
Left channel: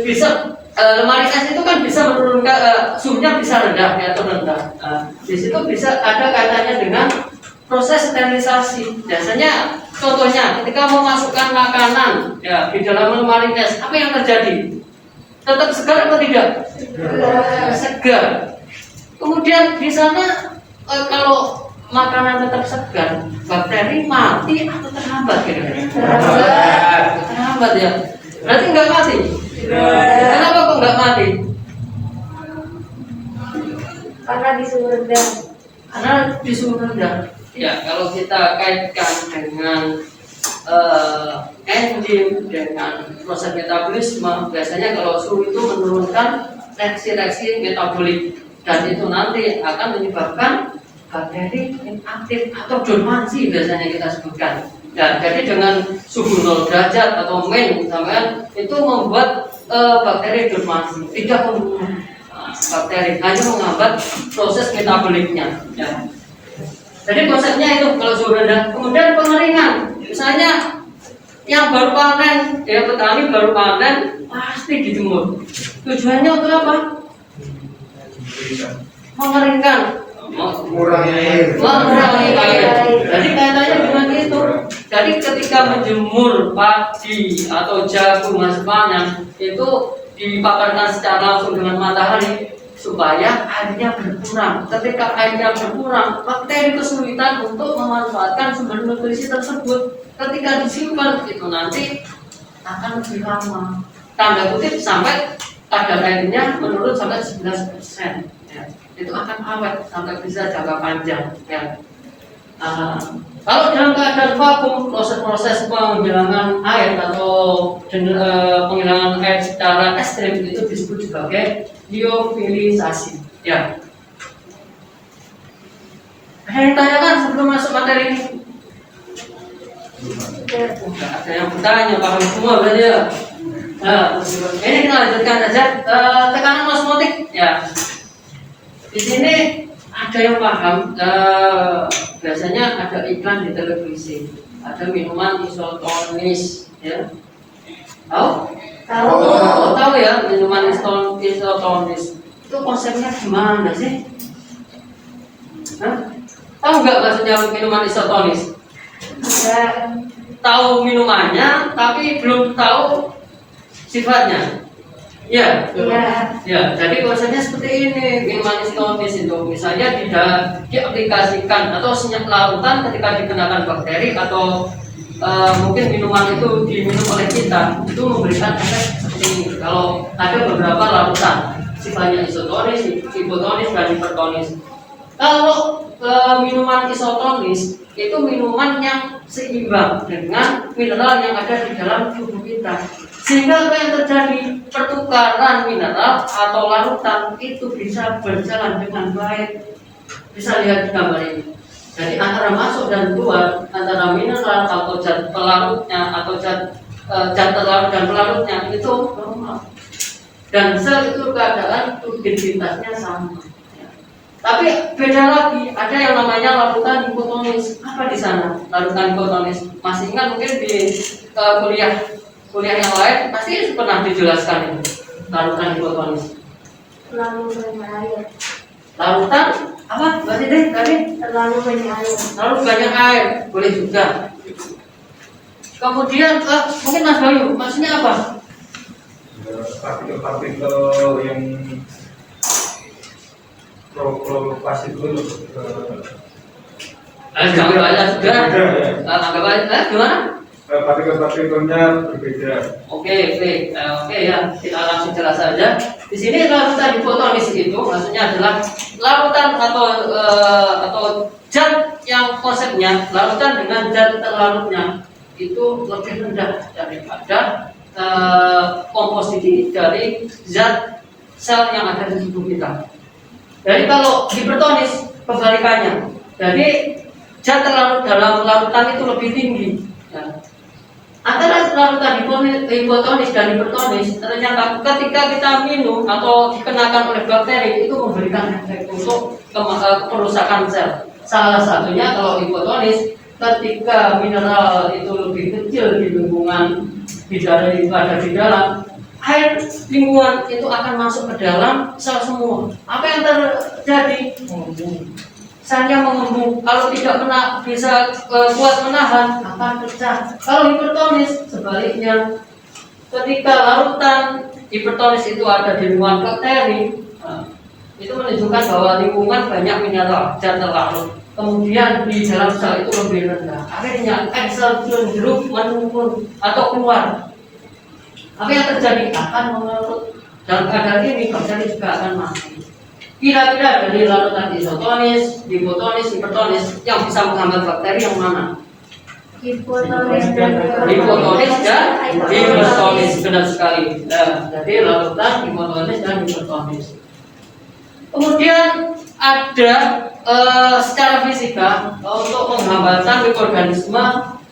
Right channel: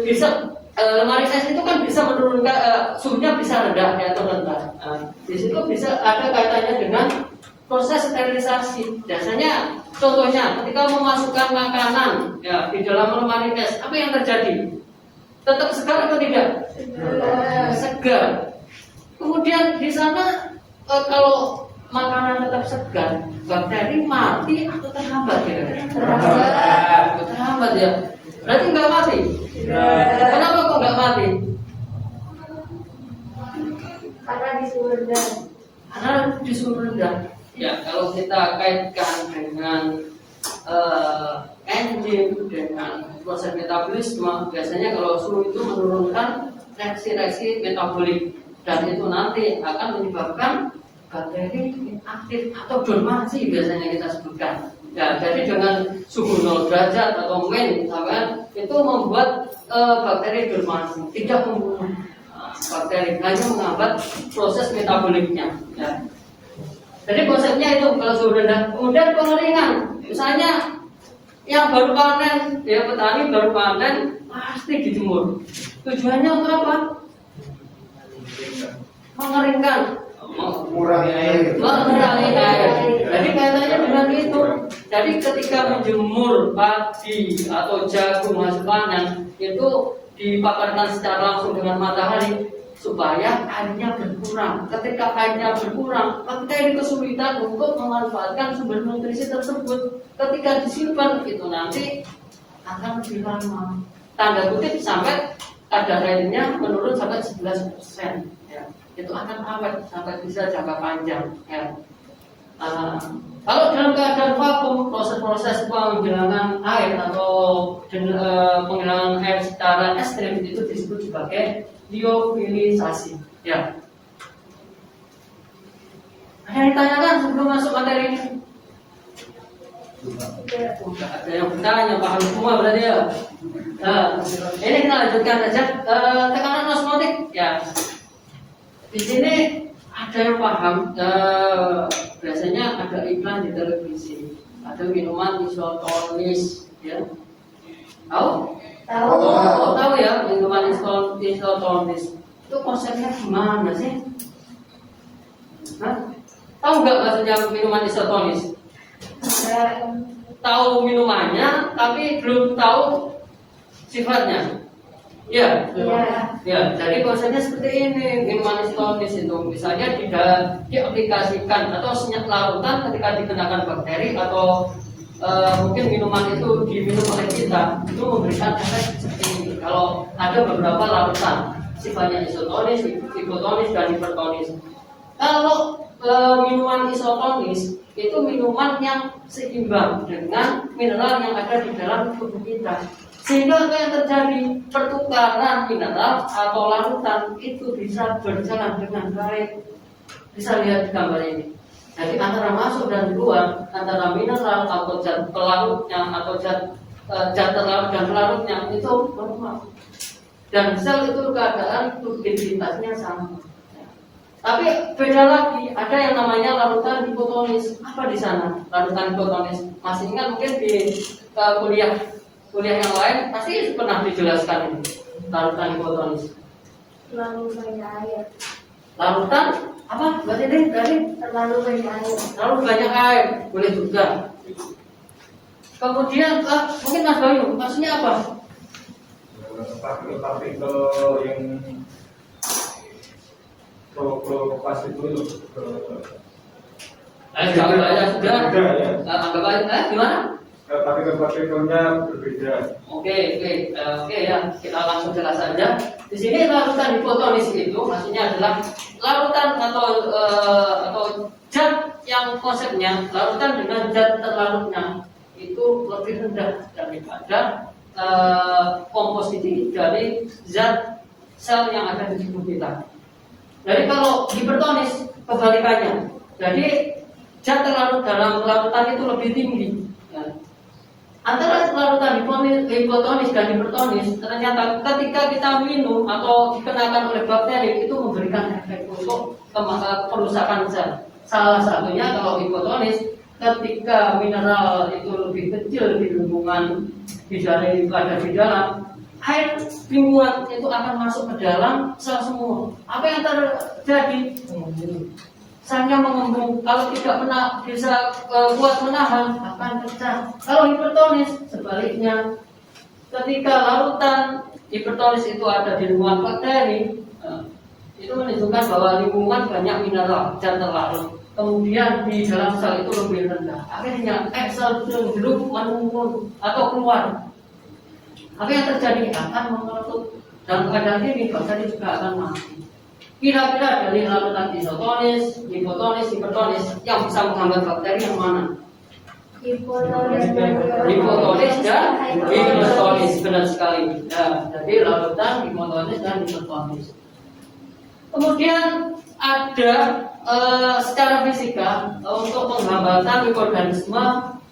bisa lemari es itu kan bisa menurunkan suhunya bisa rendah atau rendah. Di situ bisa ada kaitannya dengan proses sterilisasi. Biasanya contohnya ketika memasukkan makanan ya di dalam lemari es, apa yang terjadi? Tetap segar atau tidak? Segar. Kemudian di sana kalau makanan tetap segar, bakteri mati atau terhambat kira-kira? Terhambat ya. Berarti enggak mati. Kenapa kok enggak mati? Karena di suhu rendah. Karena di suhu rendah. Ya, kalau kita kaitkan dengan enzim, dengan proses metabolisme, biasanya kalau suhu itu menurunkan reaksi-reaksi metabolik, dan itu nanti akan menyebabkan bakteri inaktif atau dormansi biasanya kita sebutkan. Ya, jadi dengan suhu 0 derajat atau sampai itu membuat bakteri dormansi, tidak membunuh bakteri, hanya menghambat proses metaboliknya. Ya. Jadi konsepnya itu kalau suhu yang baru panen, ya petani baru panen pasti dijemur. Tujuannya untuk apa? Mengeringkan, Mengurangi air. mengurangi air. Jadi kaitannya dengan itu. Jadi ketika menjemur padi atau jagung hasil panen itu dipaparkan secara langsung dengan matahari supaya airnya berkurang. Ketika airnya berkurang, bakteri kesulitan untuk memanfaatkan sumber nutrisi tersebut. Ketika disimpan itu nanti akan lebih lama. Tanda kutip sampai kadar airnya menurun sampai 11%. Ya. Itu akan awet sampai bisa jangka panjang. Ya. Kalau dalam keadaan vakum, proses-proses penghilangan air atau penghilangan air secara ekstrim itu disebut sebagai liofilisasi. Ya. Ada yang tanyakan sebelum masuk materi ini? Enggak ada yang bertanya, paham semua berarti ya. Nah, ini kita lanjutkan saja. Tekanan osmotik. Ya. Di sini ada yang paham. Biasanya ada iklan di televisi, ada minuman isotonis, ya. Tahu? Tahu ya, minuman isotonis. Itu konsepnya gimana sih? Hah? Tahu nggak maksudnya minuman isotonis? Tahu minumannya, tapi belum tahu sifatnya. Ya. Ya, jadi konsepnya seperti ini. Minuman isotonis itu misalnya tidak diaplikasikan atau senyap larutan ketika dikenakan bakteri atau mungkin minuman itu diminum oleh kita itu memberikan efek seperti ini. Kalau ada beberapa larutan sifatnya isotonis, hipotonis dan hipertonis. Kalau minuman isotonis itu minuman yang seimbang dengan mineral yang ada di dalam tubuh kita. Sehingga apa yang terjadi, pertukaran mineral atau larutan itu bisa berjalan dengan baik. Bisa lihat di gambar ini. Jadi antara masuk dan keluar, antara mineral atau zat pelarutnya atau zat terlarut dan pelarutnya itu normal. Dan sel itu keadaan turbiditasnya sama. Ya. Tapi beda lagi, ada yang namanya larutan hipotonis. Apa di sana? Larutan hipotonis. Masih ingat mungkin di kuliah yang lain pasti pernah dijelaskan ini. Larutan hipotonis. Terlalu banyak air. Larutan apa? Berarti deh tadi Terlalu banyak air. terlalu banyak air, boleh juga. Kemudian mungkin Mas Bayu, maksudnya apa? Partikel-partikel yang provokasi dulu. Anggap aja sudah. Ya. Anggap aja gimana? Partikel-partikelnya berbeda. Oke ya, kita langsung jelas saja. Di sini larutan hipotonis itu maksudnya adalah larutan atau zat yang konsepnya larutan dengan zat terlarutnya itu lebih rendah daripada komposisi dari zat sel yang ada di tubuh kita. Jadi kalau hipertonis kebalikannya. Jadi zat terlarut dalam larutan itu lebih tinggi. Ya. Antara larutan hipotonis dan hipertonis ternyata ketika kita minum atau dikenakan oleh bakteri itu memberikan efek untuk kerusakan sel. Salah satunya kalau hipotonis ketika mineral itu lebih kecil di lingkungan dari itu ada di dalam air lingkungan itu akan masuk ke dalam sel semua. Apa yang terjadi? Selnya mengembung. Kalau tidak bisa kuat menahan akan pecah. Kalau hipertonis sebaliknya, ketika larutan hipertonis itu ada di lingkungan bakteri, itu menunjukkan bahwa lingkungan banyak mineral zat terlarut. Kemudian di dalam sel itu lebih rendah. Akhirnya sel cenderung menurun atau keluar. Apa yang terjadi? Akan mengerucut. Dan kadar ini bakteri juga akan mati. Kira-kira dari larutan isotonis, hipotonis, hipertonis yang bisa menghambat bakteri yang mana? Hipotonis dan hipertonis, benar sekali. Nah, jadi larutan hipotonis dan hipertonis. Kemudian ada secara fisika untuk penghambatan mikroorganisme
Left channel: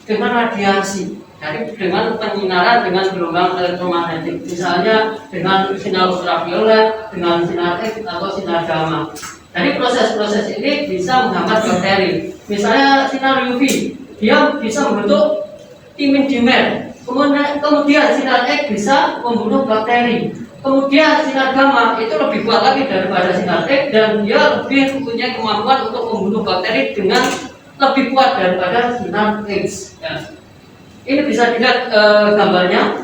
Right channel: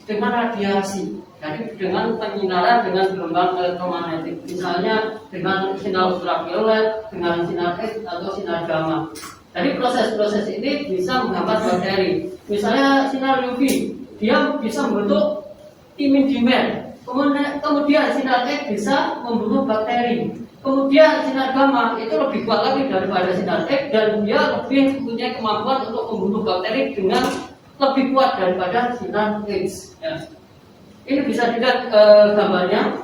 dengan radiasi. Jadi dengan penyinaran dengan gelombang elektromagnetik, misalnya dengan sinar ultraviolet, dengan sinar X atau sinar gamma. Jadi proses-proses ini bisa menghambat bakteri. Misalnya sinar UV, dia bisa membentuk imun dimer. Kemudian sinar X bisa membunuh bakteri. Kemudian sinar gamma itu lebih kuat lagi daripada sinar X dan dia lebih mempunyai kemampuan untuk membunuh bakteri dengan lebih kuat daripada sinar X. Ya. Ini bisa dilihat gambarnya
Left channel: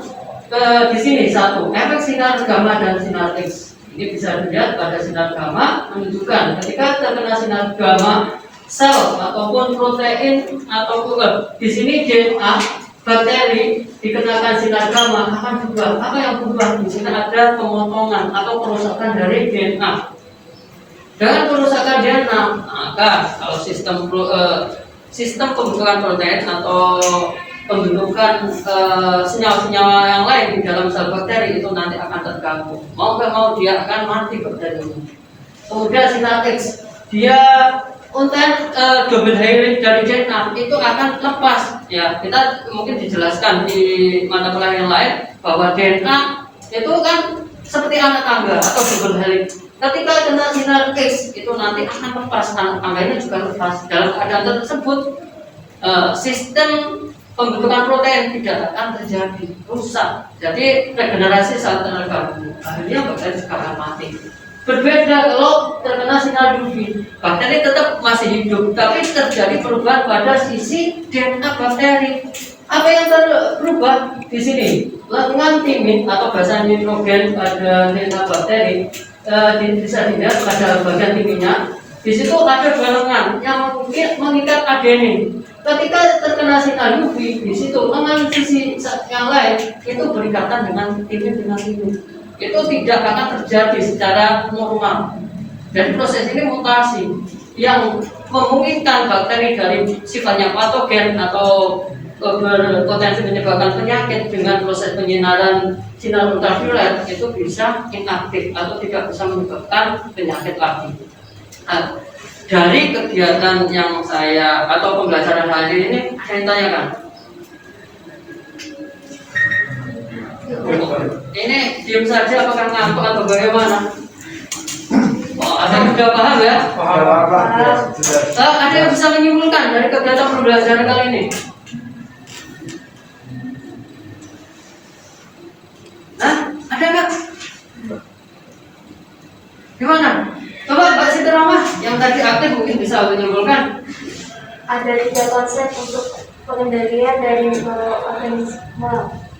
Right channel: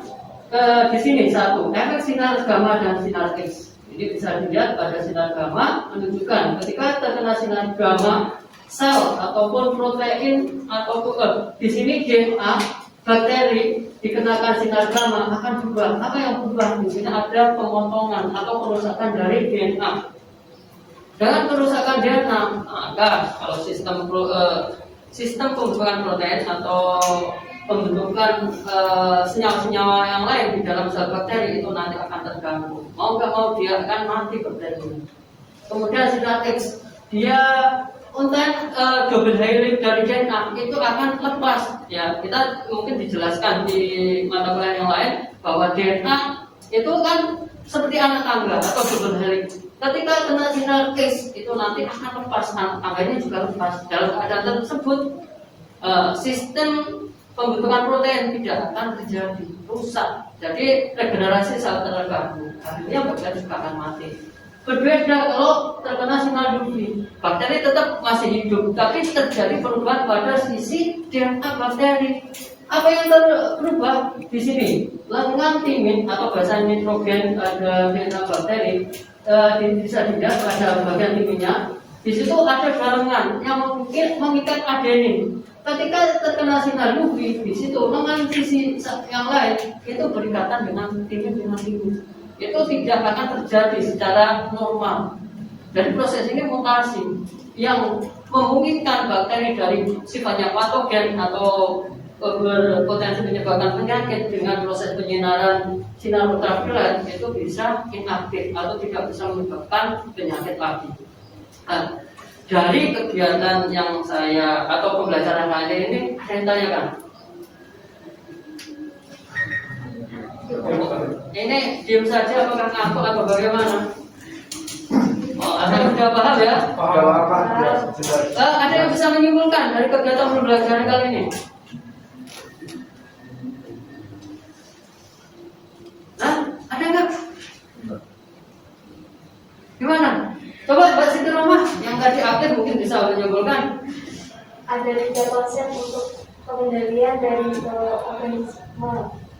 di sini satu efek sinar gamma dan sinar X. Ini bisa dilihat pada sinar gamma menunjukkan ketika terkena sinar gamma sel ataupun protein ataupun di sini DNA bakteri dikenakan sinar gamma akan berubah. Apa yang berubah? Di sini ada pemotongan atau perusakan dari DNA. Dengan perusakan DNA, maka kalau sistem pembentukan protein atau pembentukan senyawa-senyawa yang lain di dalam sel bakteri itu nanti akan terganggu. Mau nggak mau dia akan mati bakteri. Kemudian sinar X, dia konten double helix dari DNA itu akan lepas. Ya, kita mungkin dijelaskan di mata kuliah yang lain bahwa DNA itu kan seperti anak tangga atau double helix. Ketika kena sinar X itu nanti akan lepas, anak tangganya juga lepas. Dalam keadaan tersebut sistem pembentukan protein tidak akan terjadi, rusak. Jadi regenerasi sel terganggu. Akhirnya bakteri juga akan mati. Berbeda kalau terkena sinar UV, bakteri tetap masih hidup, tapi terjadi perubahan pada sisi DNA bakteri. Apa yang berubah di sini? Lengan timin atau bahasa nitrogen pada DNA bakteri bisa dilihat pada bagian timinnya. Di situ ada dua lengan yang mengikat adenin. Ketika terkena sinar UV, di situ lengan sisi yang lain itu berikatan dengan timin. Itu tidak akan terjadi secara normal. Dan proses ini mutasi yang memungkinkan bakteri dari sifatnya patogen atau berpotensi menyebabkan penyakit dengan proses penyinaran sinar ultraviolet itu bisa inaktif atau tidak bisa menyebabkan penyakit lagi. Nah, dari kegiatan yang saya atau pembelajaran hari ini ada yang tanyakan? Ini diam saja apakah ngantuk atau bagaimana? Oh, ada yang sudah paham ya? Paham. Ada yang bisa menyimpulkan dari kegiatan pembelajaran kali ini? Hah? Ada nggak? Gimana? Coba Mbak Siti Rahmah yang tadi aktif mungkin bisa menyimpulkan. Ada 3 konsep untuk pengendalian dari mikroorganisme.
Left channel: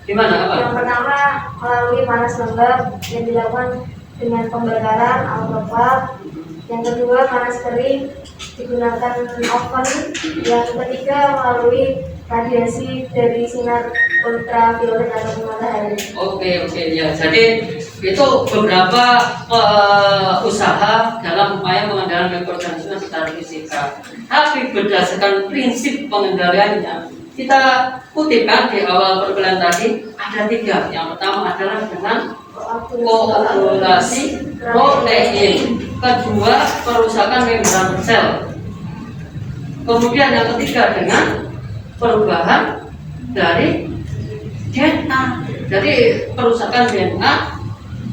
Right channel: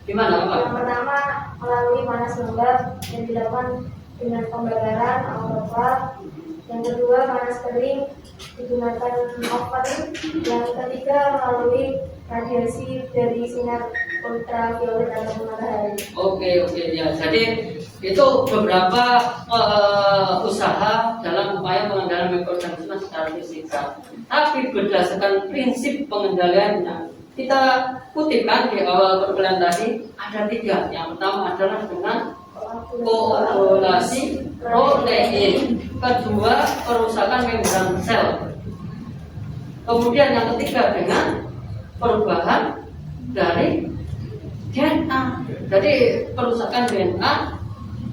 Gimana apa? Yang pertama melalui panas lembab yang dilakukan dengan pembakaran autoklaf. Yang kedua panas kering digunakan oven. Yang ketiga melalui radiasi dari sinar ultraviolet atau matahari. Oke ya. Jadi itu beberapa usaha dalam upaya pengendalian mikroorganisme secara fisika. Tapi berdasarkan prinsip pengendaliannya, kita kutipkan di awal perkuliahan tadi ada 3. Yang pertama adalah dengan koagulasi protein, kedua perusakan membran sel, kemudian yang ketiga dengan perubahan dari DNA. Jadi perusakan DNA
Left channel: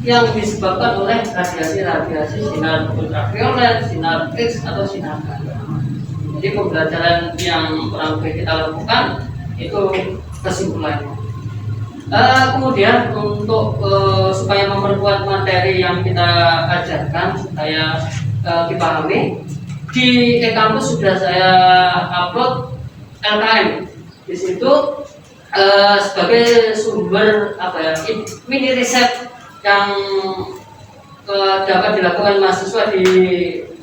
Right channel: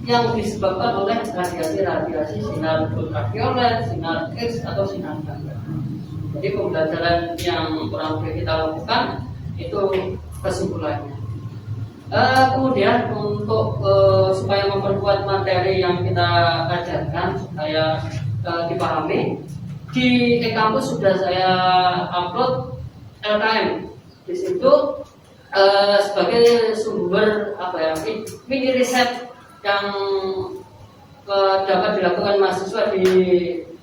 yang disebabkan oleh radiasi sinar ultraviolet, sinar X atau sinar gamma. Jadi pembelajaran yang kurang lebih kita lakukan itu kesimpulannya. Kemudian untuk supaya memperkuat materi yang kita ajarkan supaya dipahami, di e-kampus sudah saya upload LKM. Di situ sebagai sumber mini riset yang dapat dilakukan mahasiswa di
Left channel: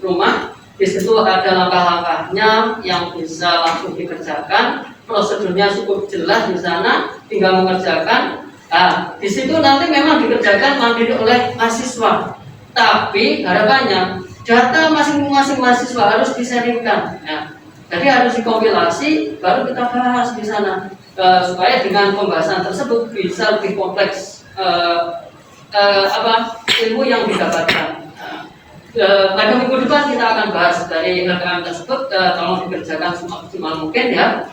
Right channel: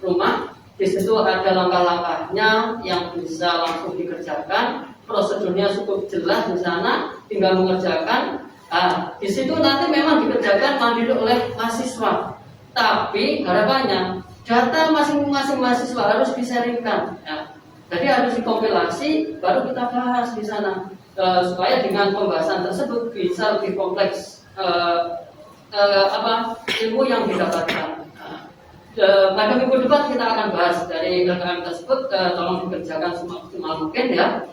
rumah. Di situ ada langkah-langkahnya yang bisa langsung dikerjakan, prosedurnya cukup jelas di sana, tinggal mengerjakan. Di situ nanti memang dikerjakan mandiri oleh mahasiswa, tapi harapannya data masing-masing mahasiswa harus diseringkan. Ya. Jadi harus dikompilasi, baru kita bahas di sana, supaya dengan pembahasan tersebut bisa lebih kompleks ilmu yang didapatkan. Pada minggu depan kita akan bahas dari LKM tersebut, tolong dikerjakan semaksimal mungkin ya.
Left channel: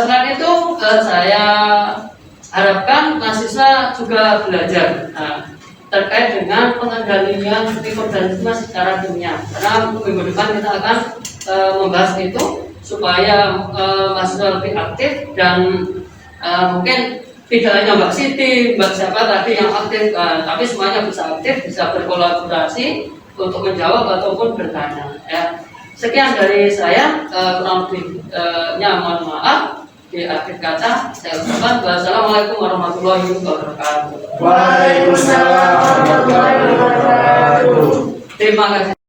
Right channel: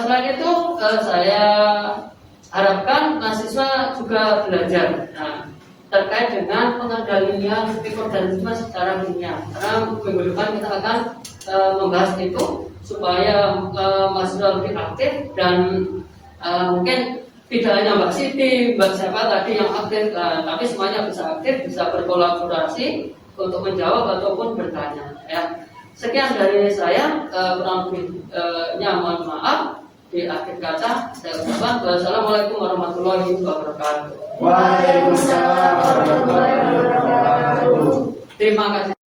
Selain itu saya harapkan mahasiswa juga belajar terkait dengan pengendalian mikroorganisme secara ilmiah. Karena minggu depan kita akan membahas itu supaya mahasiswa lebih aktif dan mungkin tidak hanya Mbak Siti, Mbak siapa tadi yang aktif, tapi semuanya bisa aktif, bisa berkolaborasi untuk menjawab ataupun bertanya. Ya. Sekian dari saya, kurang lebihnya mohon maaf. Di akhir kata saya ucapkan wassalamualaikum warahmatullahi wabarakatuh. Waalaikumsalam warahmatullahi wabarakatuh. Terima kasih.